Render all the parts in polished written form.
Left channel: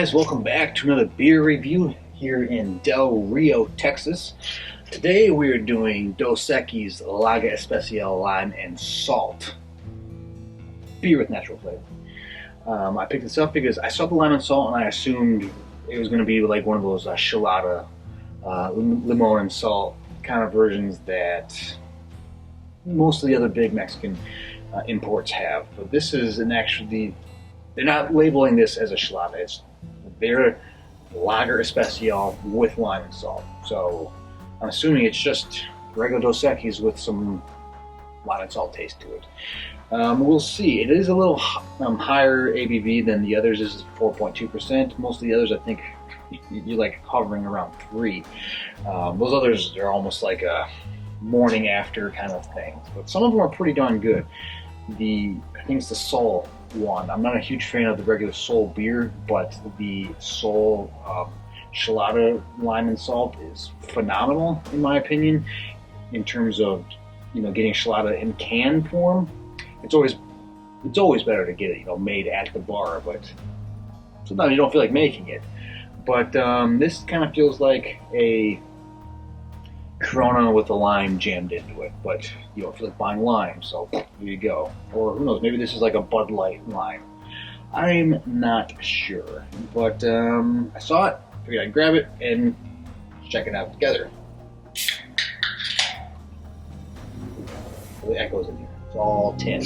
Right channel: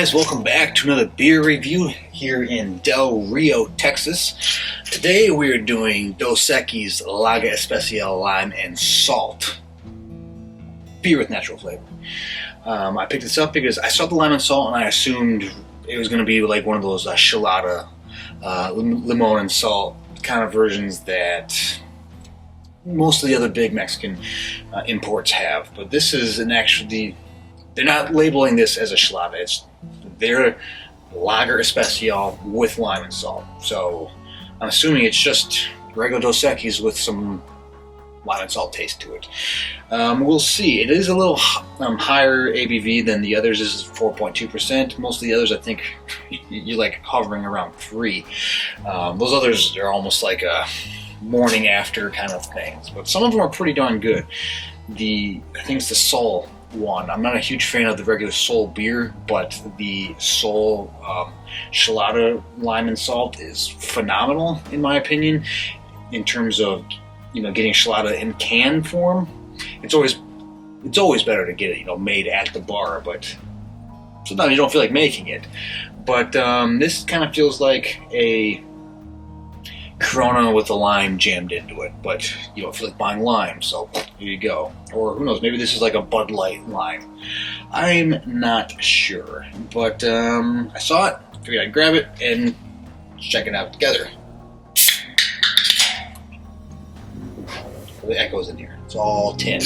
guys, welcome back to another beer review here in Del Rio, Texas. Today we are doing Dos Equis Lager Especial Lime and Salt. Beer with natural flavor. I picked this up because I saw the lime and salt and I assumed it was going to be like one of those chilada, limon and salt kind of versions that most of the other big Mexican imports have. But this is they're not labeling this as a chilada. It's their Lager Especial with lime and salt. So I'm assuming it's just regular Dos Equis with some lime and salt taste to it. We'll see. It is a little higher ABV than the others. This is 4.2%. Most of the others, I think, you're like hovering around 3. Those others are almost like a morning after kind of things. But some of them are pretty darn good. I think it's the Sol one. I'm not a huge fan of the regular Sol beer, but the Sol Chilada lime and salt is phenomenal in my opinion. In terms of getting Chilada in can form, it's always better to get it made at the bar, but sometimes you don't feel like making it. But this kind of feels like a Corona with a lime jammed into it, but you don't feel like buying lime, so here you go. Or who knows, maybe this is like a Bud Light lime. I'm not sure, but I saw it, figured I'd grab it and check it out together. The echoes in here. It's all tin.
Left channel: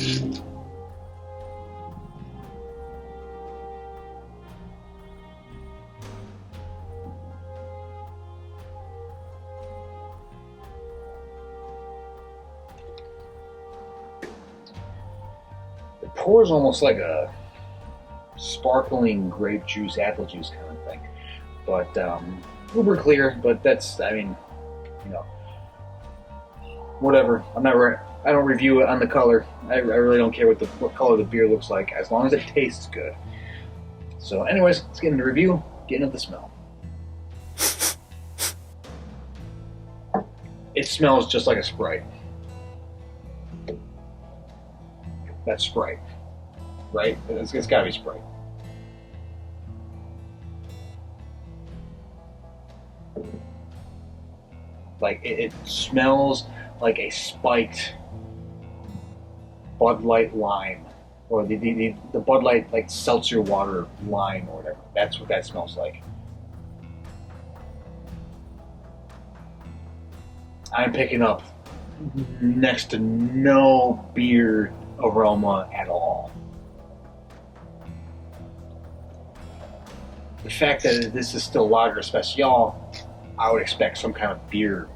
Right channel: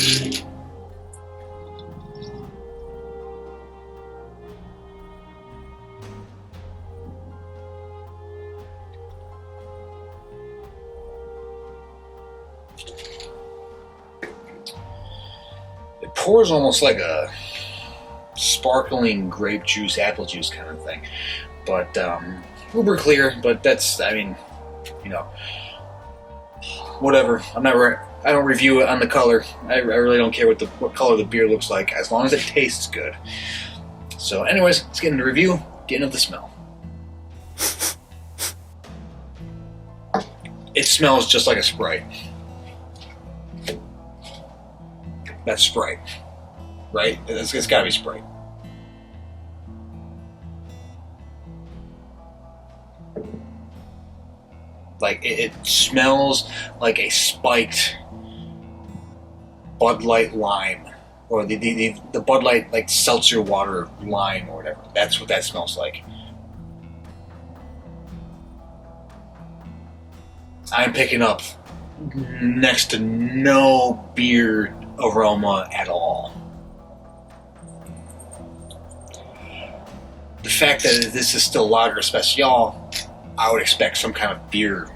It pours almost like a sparkling grape juice, apple juice kind of thing. But uber clear, but that's, whatever. I don't review it on the color. I really don't care what color the beer looks like, as long as it tastes good. So anyways, let's get into the review, get into the smell. It smells just like a Sprite. That's Sprite, right? It's gotta be Sprite. Like, it smells like a spiked Bud Light lime, or the Bud Light like seltzer water lime or whatever. That's what that smells like. I'm picking up next to no beer aroma at all. The fact that this is still Lager Especial, I would expect some kind of beer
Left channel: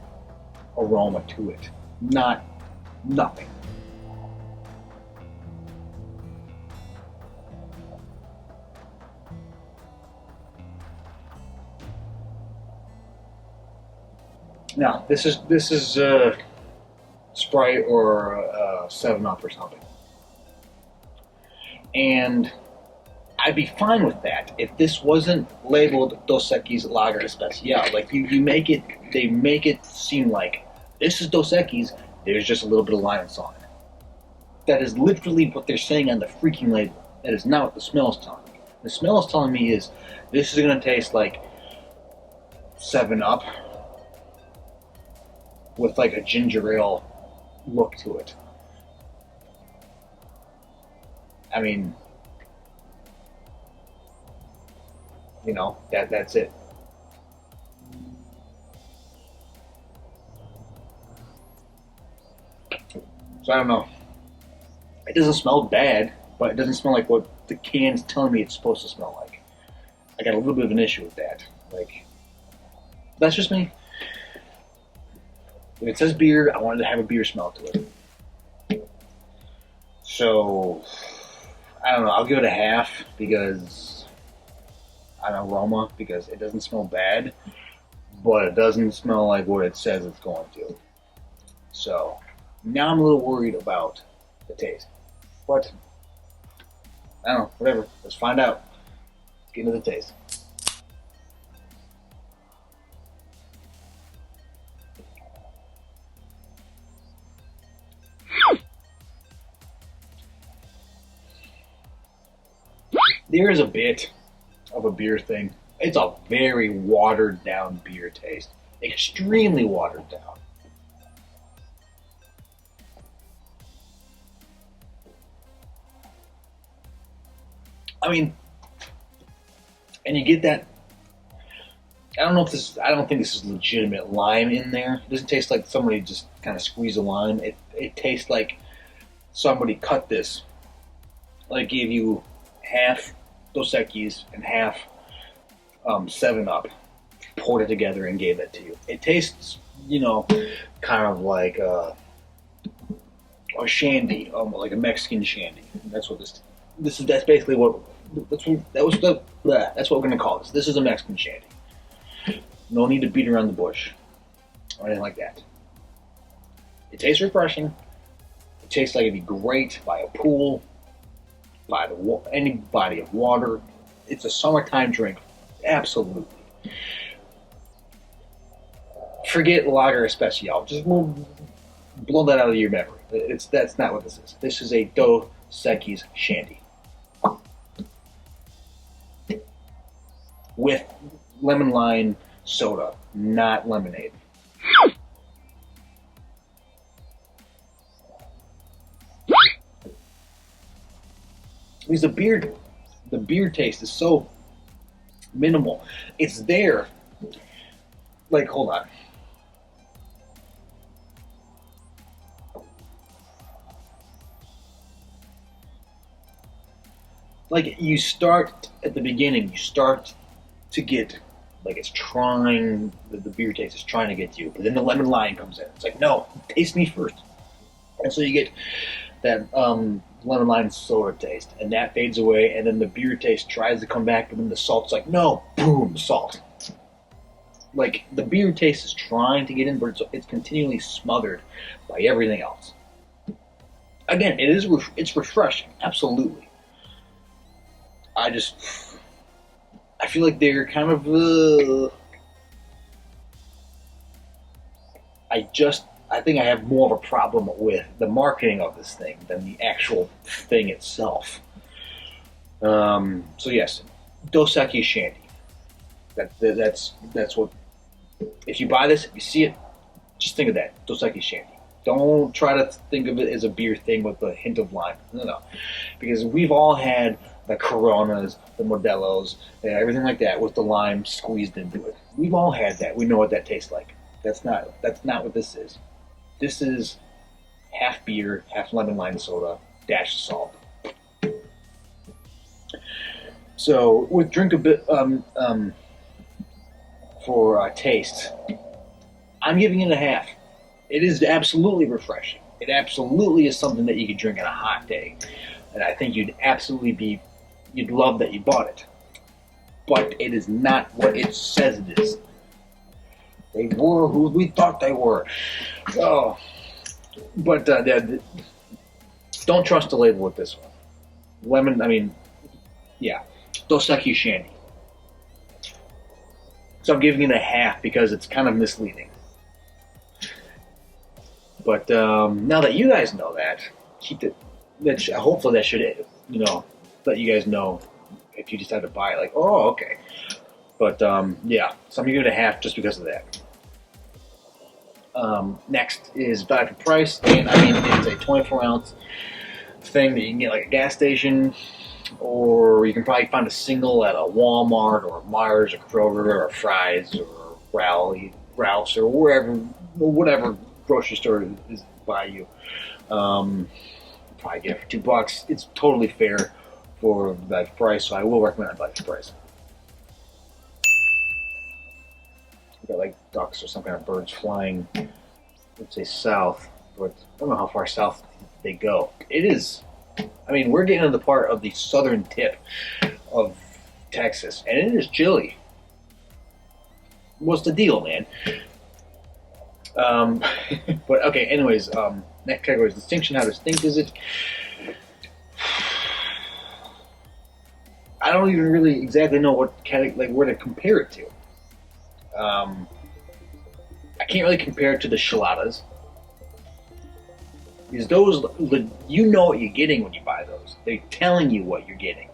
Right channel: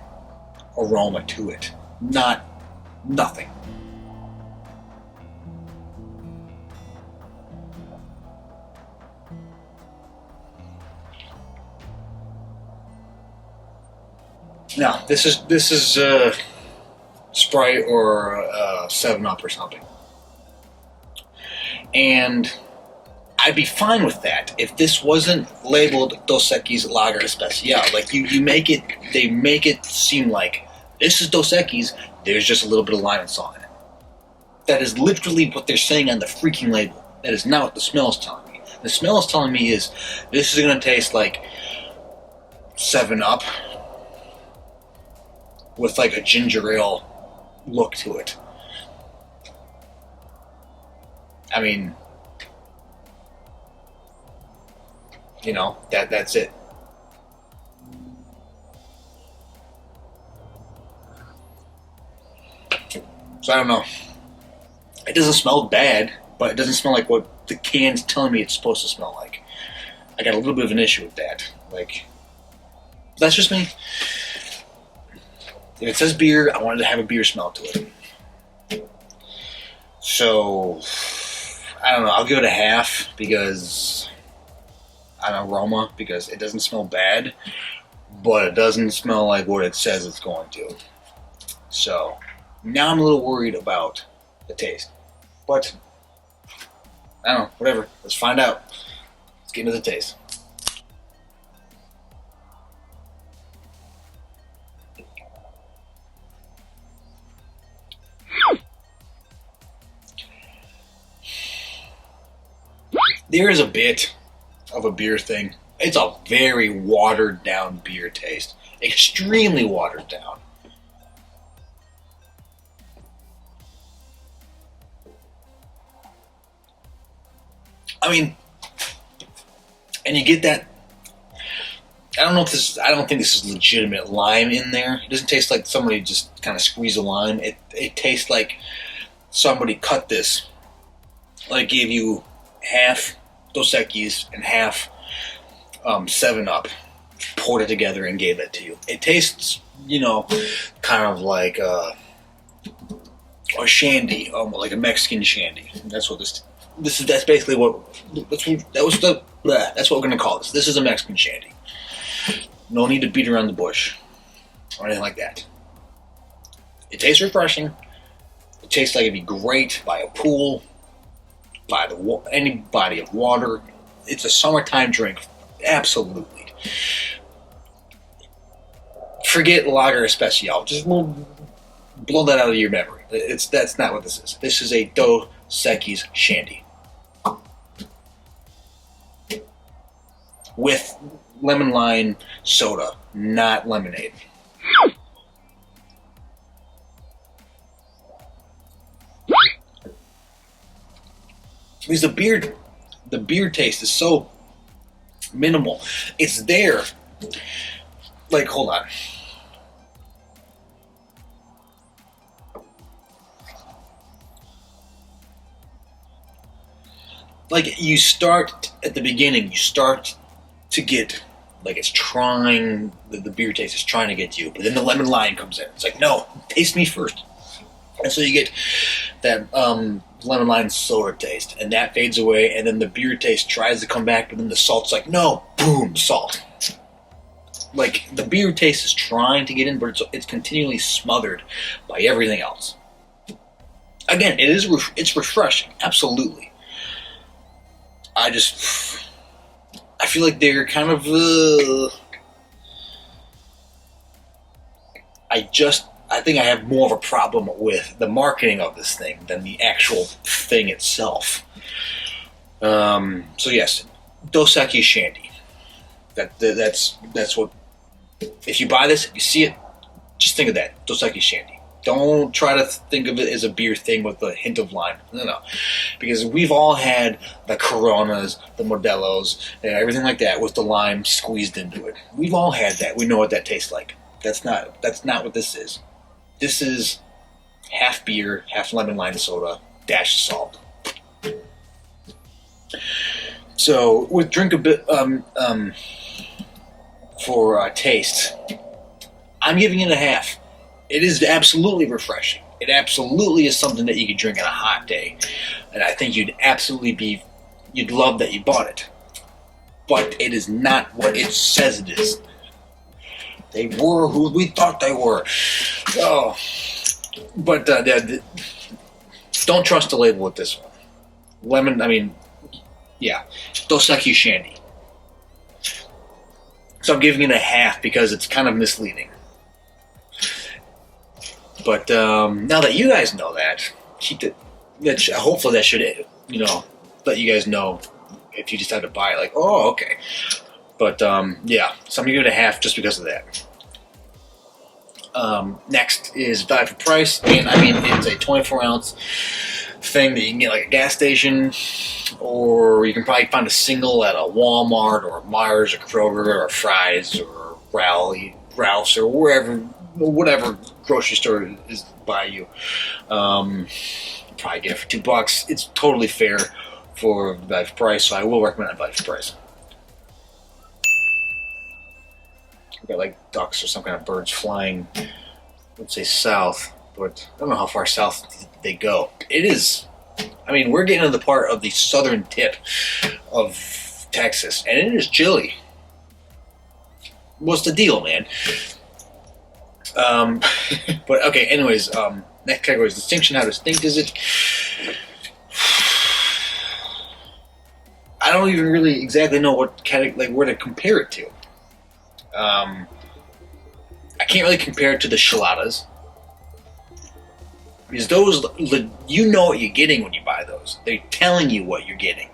aroma to it. Nothing. Now, this is Sprite or 7-Up or something. And I'd be fine with that if this wasn't labeled Dos Equis Lager Especial. Like they make it seem like this is Dos Equis, there's just a little bit of lime and salt in it. That is literally what they're saying on the freaking label. That is not what the smell is telling me. The smell is telling me is this is going to taste like 7-Up with like a ginger ale look to it. I mean, that's it. So I don't know. It doesn't smell bad, but it doesn't smell like what the can's telling me it's supposed to smell like. I got a little bit of an issue with that. Like, that's just me. If it says beer, I wanted to have a beer smell to it. So, I don't know. I'll give it a half because an aroma, because it doesn't smell bad, but it doesn't smell like what it says it's going to. So, now I'm a little worried about the taste. But, I don't know. Whatever. Let's find out. Let's get into the taste. There is a bit of a beer thing. It's a very watered down beer taste. Extremely watered down. I mean, and you get that. I don't know if this. I don't think this is legitimate lime in there. It doesn't taste like somebody just kind of squeezed a lime. It tastes like somebody cut this, like gave you half Dos Equis and half 7-Up, poured it together and gave it to you. It tastes, kind of like a shandy, like a Mexican shandy. That's what this is. That's basically what that's what we're gonna call this. This is a Mexican shandy. No need to beat around the bush or anything like that. It tastes refreshing. It tastes like it'd be great by a pool, by any body of water. It's a summertime drink, absolutely. Forget Lager Especial. Just blow that out of your memory. That's not what this is. This is a Dos Equis shandy with lemon lime soda, not lemonade. Because the beer taste is so minimal. It's there. Like, hold on. Like, you start at the beginning, you start to get, like, it's trying, the beer taste is trying to get you, but then the lemon lime comes in. It's like, no, taste me first. And so you get that lemon lime soda taste, and that fades away, and then the beer taste tries to come back, but then the salt's like, no, boom, salt. Like, the beer taste is trying to get in, but it's continually smothered by everything else. Again, it's refreshing, absolutely. I feel like they're kind of, I think I have more of a problem with the marketing of this thing than the actual thing itself. So yes, Dos Equis shandy. That's what. If you buy this, if you see it, just think of that, Dos Equis shandy. Don't try to think of it as a beer thing with a hint of lime. No. Because we've all had the Coronas, the Modelos, and everything like that with the lime squeezed into it. We've all had that. We know what that tastes like. That's not what this is. This is half beer, half lemon lime soda, dash of salt. So with drink a bit for taste, I'm giving it a half. It is absolutely refreshing. It absolutely is something that you could drink on a hot day, and I think you'd love that you bought it. But it is not what it says it is. They were who we thought they were. Oh, but don't trust the label with this one. Dos Equis shandy. So I'm giving it a half because it's kind of misleading. But now that you guys know that, hopefully that should, let you guys know if you decide to buy it. Like, oh, okay. But so I'm gonna give it a half just because of that. Next is value for price, and it's a 24-ounce thing that you can get like a gas station, or you can probably find a single at a Walmart or Myers or Kroger or Fry's or Ralph's or whatever grocery store is by you. Probably get it for $2. It's totally fair for the value for price, so I will recommend that value for price. We've got like ducks or some kind of birds flying, let's say south, but I don't know how far south they go. It is, we're getting to the part of the southern tip of Texas, and it is chilly. What's the deal, man? But okay, anyways, next category is distinction. How distinct is it? I don't even really exactly know what where to compare it to. I can't really compare it to the Cheladas, because those, you know what you're getting when you buy those. They're telling you what you're getting.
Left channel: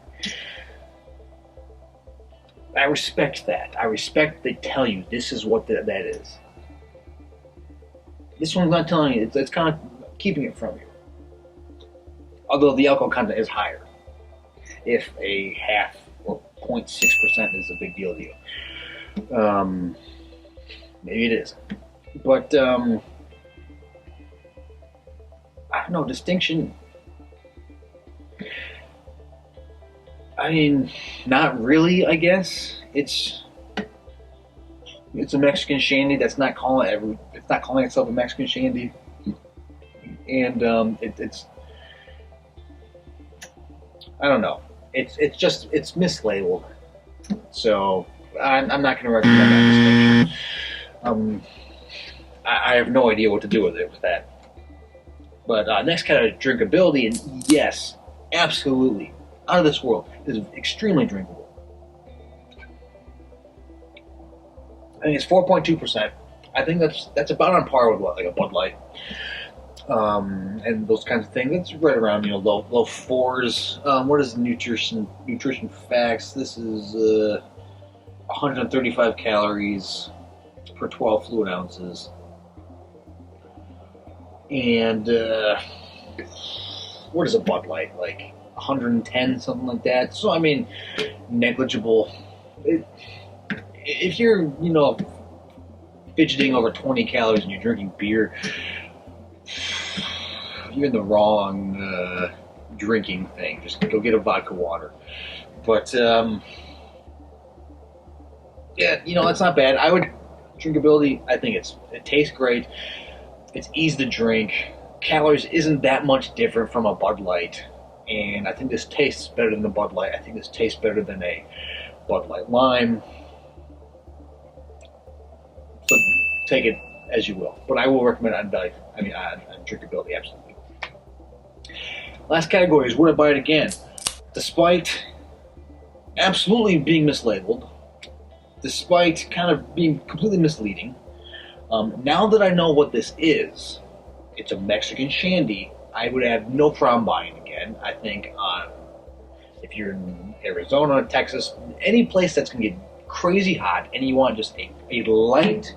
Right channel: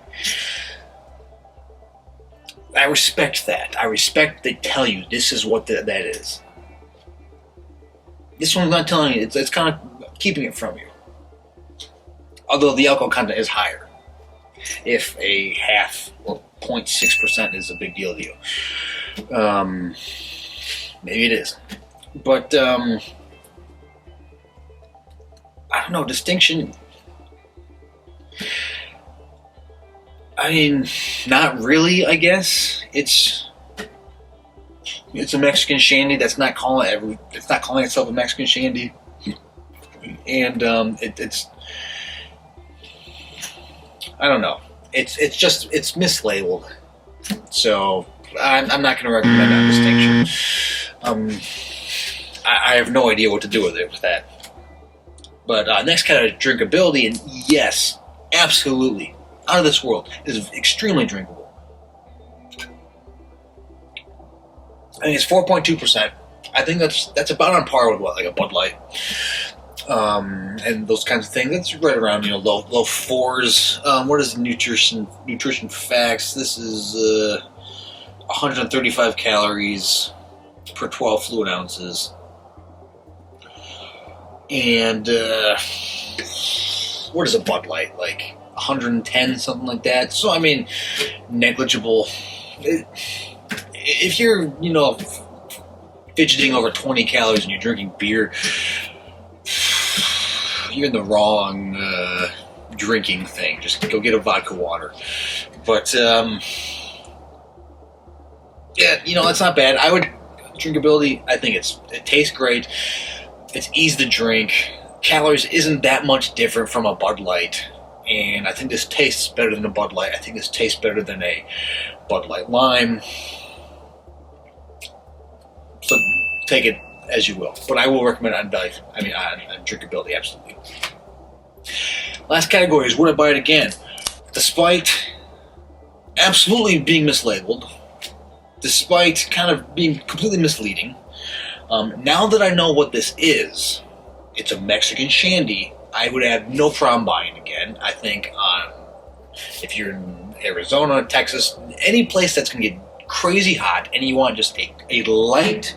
I respect that. I respect they tell you this is what that is. This one's not telling you. It's kind of keeping it from you. Although the alcohol content is higher. If a half or 0.6% is a big deal to you. Maybe it is. But, I don't know, distinction. I mean, not really, I guess. It's a Mexican shandy that's not calling itself a Mexican shandy. And it's I don't know. It's mislabeled. So I'm not going to recommend that distinction. I have no idea what to do with that. But next kind of drinkability, and yes, absolutely, out of this world, is extremely drinkable. I think it's 4.2%. I think that's about on par with what, like a Bud Light, and those kinds of things. That's right around low fours. What is the nutrition facts? This is 135 calories per 12 fluid ounces. And what is a Bud Light, like 110, something like that? So I mean, negligible. If you're fidgeting over 20 calories and you're drinking beer, you're in the wrong drinking thing. Just go get a vodka water. But yeah, it's not bad. I would drinkability. I think it tastes great. It's easy to drink. Calories isn't that much different from a Bud Light. And I think this tastes better than a Bud Light. I think this tastes better than a Bud Light Lime. So take it as you will. But I will recommend on drinkability, absolutely. Last category is would I buy it again? Despite absolutely being mislabeled, despite kind of being completely misleading, now that I know what this is, it's a Mexican shandy, I would have no problem buying again. I think if you're in Arizona, Texas, any place that's going to get crazy hot and you want just a light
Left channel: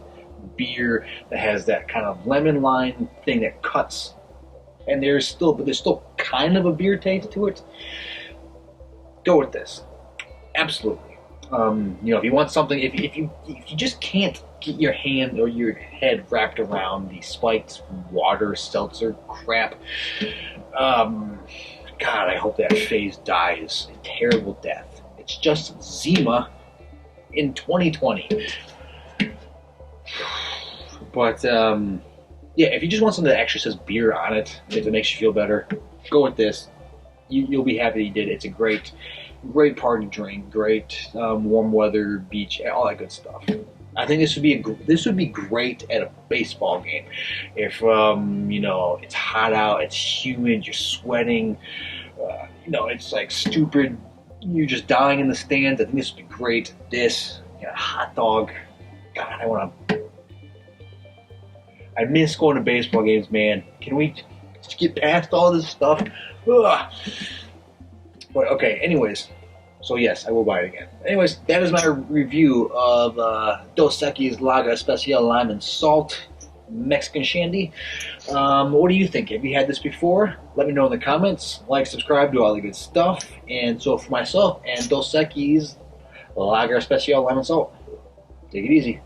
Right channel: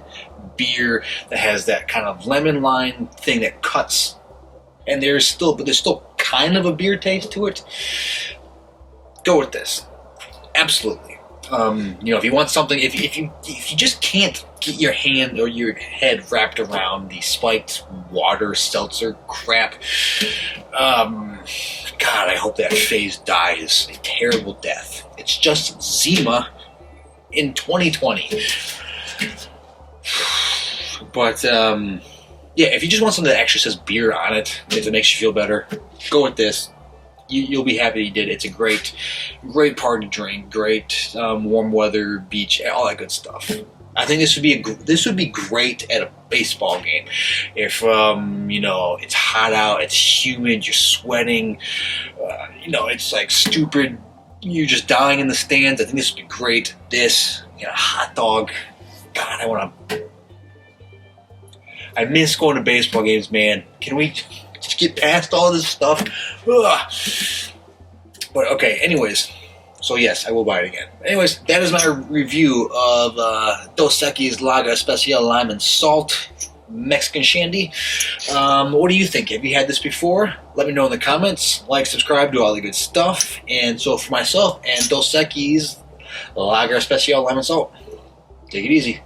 beer that has that kind of lemon lime thing that cuts, and there's still kind of a beer taste to it, go with this. Absolutely. If you want something, if you just can't get your hand or your head wrapped around the spiked water seltzer crap, God, I hope that phase dies a terrible death. It's just Zima in 2020. But yeah, if you just want something that actually says beer on it, if it makes you feel better, go with this. You'll be happy you did. It's a great party drink, great warm weather, beach, all that good stuff. I think this would be great at a baseball game. If it's hot out, it's humid, you're sweating, it's like stupid, you're just dying in the stands. I think this would be great. This, hot dog. God, I miss going to baseball games, man. Can we just get past all this stuff? Ugh. But okay, anyways. So yes, I will buy it again. Anyways, that is my review of Dos Equis Lager Especial Lime and Salt Mexican Shandy. What do you think? Have you had this before? Let me know in the comments. Like, subscribe, do all the good stuff. And so for myself and Dos Equis Lager Especial Lime and Salt, take it easy.